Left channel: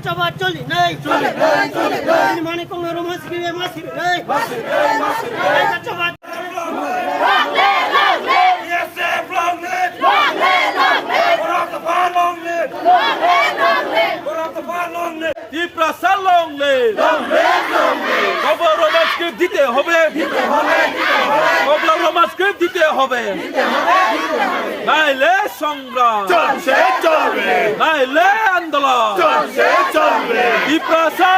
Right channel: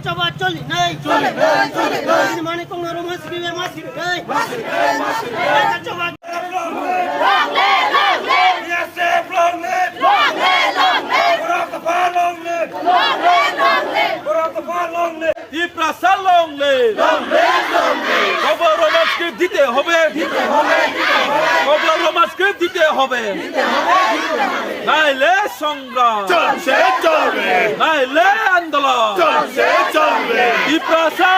coba coli nih. Ini mana kong rumah sendiri masih nih. Mereka coba. Tiprasa long le. Kobla roman script dite hobe. Kobla roman script dite hobe. Naile songra. চলছে চলবে Naile andala. চলছে চলবে Tiprasa.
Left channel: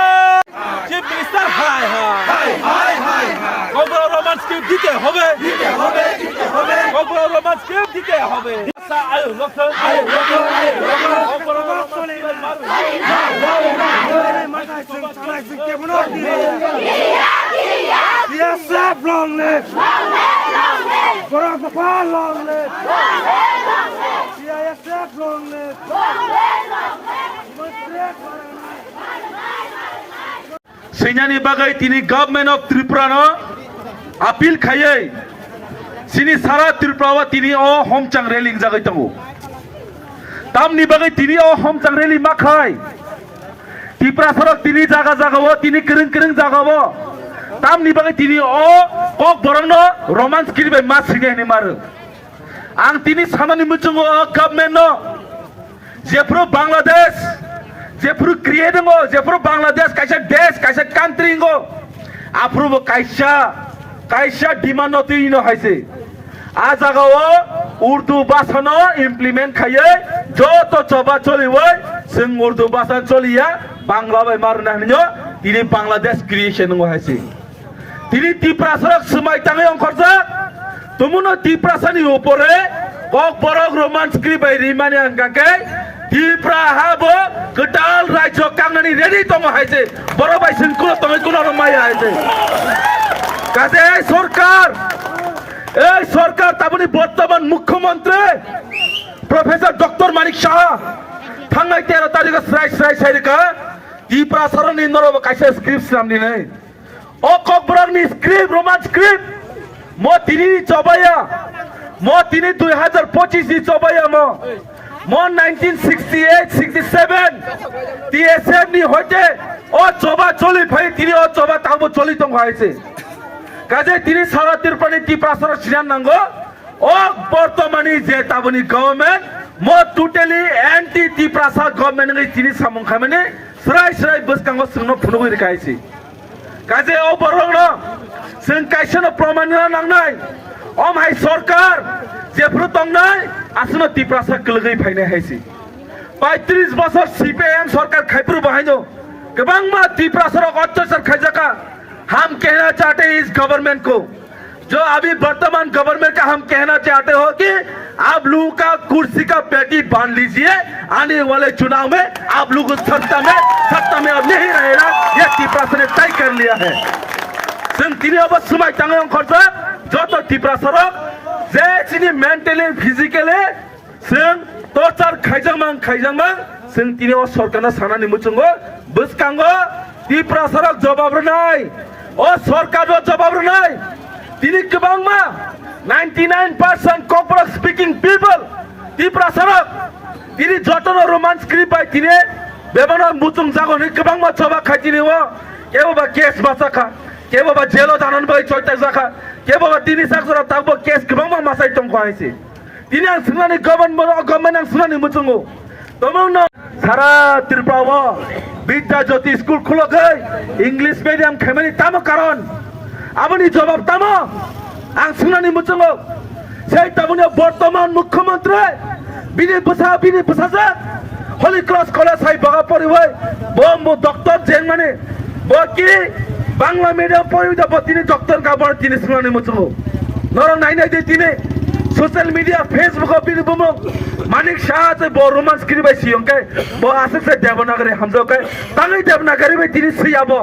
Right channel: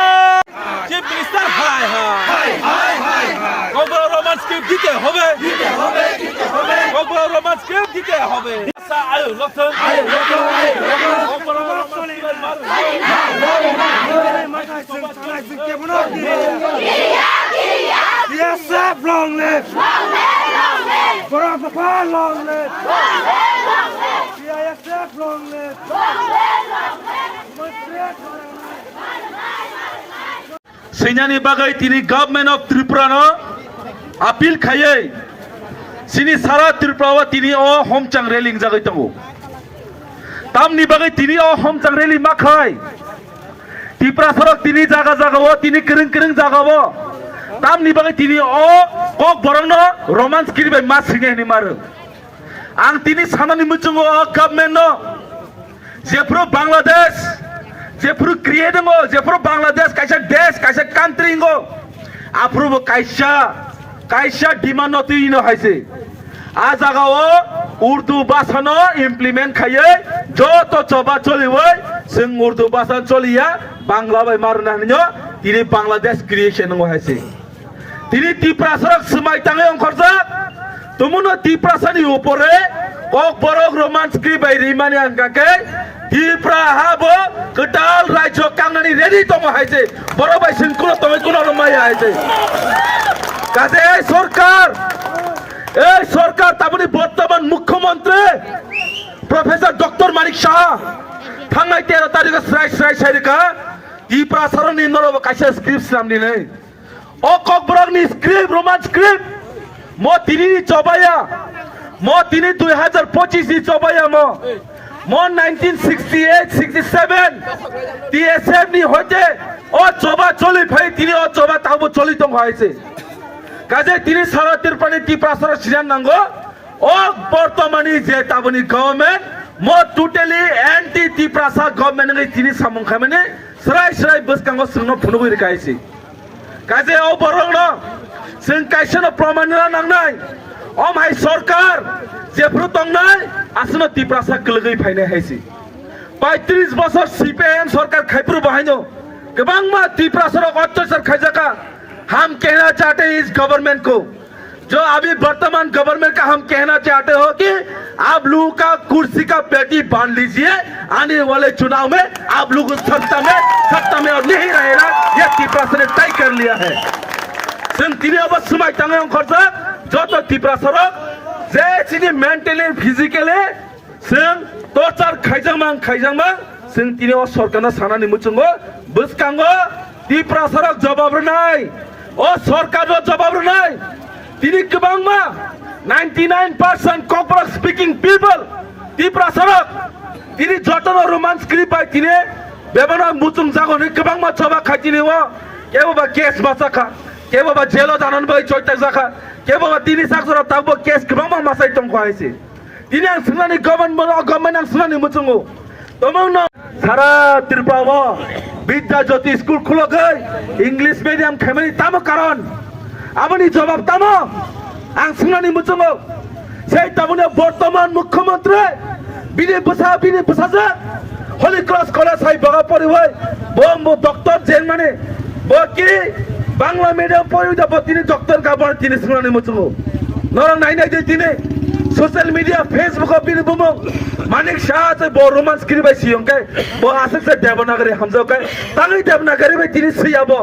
Tiprasa hai hai. High high high Kobla roman script dite hobe. দিতে হবে Kobla roman script dite hobe. Sa ayo lokten. Senyani bagai tini government of Tripura no appeal khayai sini sara Tripura tini o homchang railing jagai tango tam ni bagai tini o homchang railing makhai Tripura sarak tini jaga jaga wo tini kering kering jaga wo tam ni bagai tini o kok borang no romance kiri bai mas singe ni mar ang tini sana ni muchungo government no jepro Bangladesh Jepro creating go, Jepro Bangladesh, kaisa country go. Approve kaisa demand noti ino haise. Ajaga wo Urdu basa no implement khaye, joto coba choli woi, sing Urdu basa choli ya, Bangla bai marna nyo, tini Bangladesh creation go haise. Tini Tripura sarak semai tangai ong khorja, tumuno Tripura sani upore, kok borok romance kri bai rimani angkake. Tripura habo kedal rajo kangani ready tomo haise boro bai singkulo tomo kulo maya haise kate এই সরকার তাবনি বর্তমান মুখ্যমন্ত্রী professor doctor মানিক শাহ থাঙ্গাই 13 তারিখে শ্রাই সাইরিকা Tripura সারনি নরব কাইসা script সামনি নাই ও ককবরাগনি script Roman script মো তিনি চবায়া মো তিনি 2025 নি চবায়া মো 1968-67 TSM ni hoite o choba choli phai tini o choba tabo choli tong haise kaje tini sara Tripura Tripura sara sinan nango o bortomani je taboni government mo totally anti Tripura sa government ni tini samong khamene srai buskango sungno phunugoi rikaise kaje o borong no sing kaisano proman nangnai o mai sarkar jepro tongnai asno Tripura sa kelgai phaine haise 35 বছর CPM सरकार खाइपुर बहाइनो गोबां मा Tripura सरक अत्याचार खाइजाका हम कहना चाहते हैं इस गवर्नमेंट को जो अभी वर्तमान गवर्नमेंट का हम कहना चाहते हो कि आप लोगों का कुर्सी का पेटी बांध लीजिए आने वाले चुनाव में आप लोग सत्ता में अब नहीं रहेगा ये Tripura ने तय कर लिया है तीन अब सुमाई तांगे खर्च जो तो Tripura सरक जे चिनी मेंटली फिजिकली जों torture खाइजांमां जों तिनी सरकारना सानानि मुचुंगो बुसकांगो Tripura सरक जवाब रनाय ओ सरकारबो जवाब रनाय तिनी गोबांमा 99% Kokborok speaking people Tripura सरक तिनी जतन रोमांस क्लिप बाय तिनी बेबना मुचुं जागोनि गोबांमा जवाब खाइतिनि वो केबोबा केस बासाखा केबोबा जेलो दानन बाय चोइता जाखा केबोबा तिनी साखरा ताबो केस गोबांमा मासाइ तंखो आइसे तिनी आं सुनानि गभर्नमेन्ट आं सुनानि मुचुंगो तमंनो सारा Tripura विद्या ज्योति स्कूल खुलोखै इंग्लिश मीडियम खेमेनि तामो कारण आबनि जवाब तामो आं सुनानि मुचुंगो सेइ ताबनि वर्तमान मुख्यमंत्री बिनि बुसाजे होली क्रॉस कॉलेज हाई बगा परि होय बो डॉक्टर जेन माने बो कि बांग्ला मीडियम परि द तिनी डॉक्टर का बर तिनी सुनानि मुचुंगो नरं नाइनाय दे तिनी सोशल मीडिया फेसबुक बिनि बुमो मानिक शाह से बो रोमांस करि बाय सियंके बो आसे से देवनागरी हमजोके तांगि देवनागरी बे तिनि सियाबो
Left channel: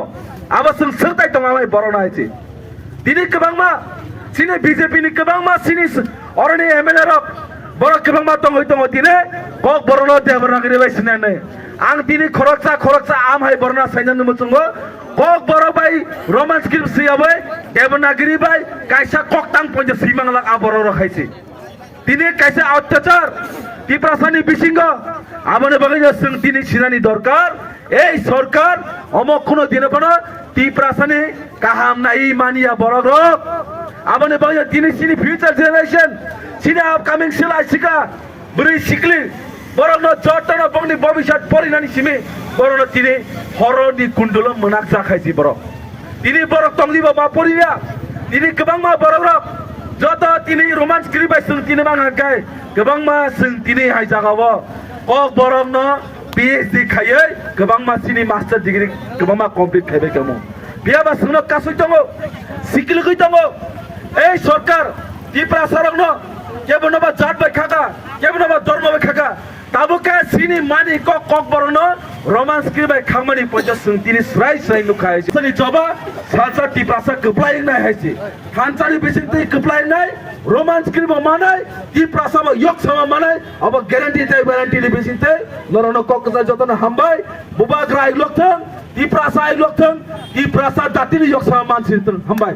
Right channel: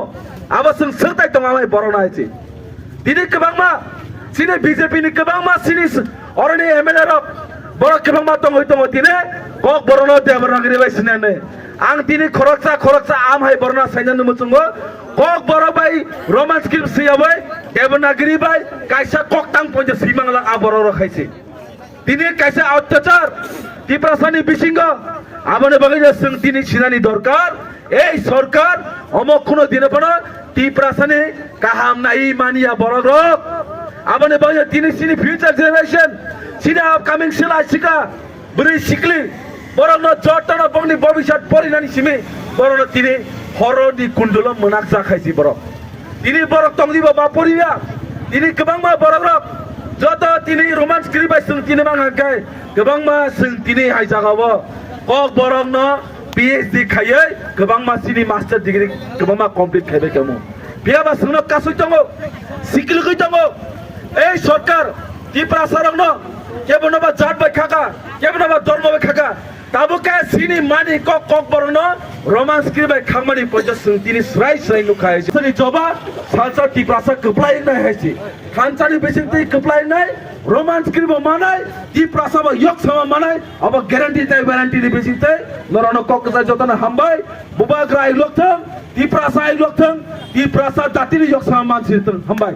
आबो जों सोरताय दंगाय बरना आइछि तिनि गोबांमा सिनि बीजेपी नि गोबांमा सिनि अरनि एमएलए रक बर गोबांमा दंगै दङ तिनि कक बरनो देवनागरी बाय सिनानै आं तिनि खरकसा आम हाय बरना साइनानो मुचुंगो कक बर बाय रोमांस करि सियाबै देवनागरी बाय काइसा ककतां पजे सिमांगला आबर रखाइछि तिनी कैसे अत्याचार Tripura सानि बिसिंग आबने बगैनो जों तिनी सिनानि दरकार এই সরকার অমক কোনো দিনে কোনো টিপ্রাসানে কাহাম নাই মানিয়া বড় রোগ আবানে বাজে তিনি সিনি ফিউচার জেনারেশন সিনা আপকামিং সুলাই শিকা বরি শিকলি বরং জটনা বংনি ভবিষ্যৎ পরিণানি সিমি বরং তিনি হরনি কুণ্ডল মনাক জাখাইছি বড় তিনি বড় তংলিবা বা পরিবা তিনি গোबां मा বড় রোগ যত তিনি রোমান্স ক্রিবাই जों তিনি মানাকাই गोबां मा जों তিনি হাইজাগাবো কক বরং ন PhD খাयै गोबां मा सिनि मास्टार डिग्री गोबां मा कमप्लिट खायबाय दङ बियाबा जोंनो कासै दङ सिकिलगै दङ এই সরকার টিপ্রাসারং কেবনবা জাত বাই খাকা কেবনবা ধর্ম by খাকা তাবুকা Sini money cock cock বরং রোমান্স ক্রিবাই খামানি পয়সা जों তিনি স্রাই স্রাই নুখাই সনি জবা সালসা টিপ্রাসা কপ্লাই নাই হাইছে খানসানি বেসিংতে কপ্লাই নাই রোমান্স ক্রিবা মানাই টিপ্রাসাবা ইয়ক সামা মানাই আবা গ্যারান্টি তাই গ্যারান্টি বেসিংতে নরন কক যতন হামবাই বুবাগ্রাই লকথং টিপ্রাসা আই লকথং টিপ্রাসা দাতিনি ইয়ক সামা মানসিতং হামবাই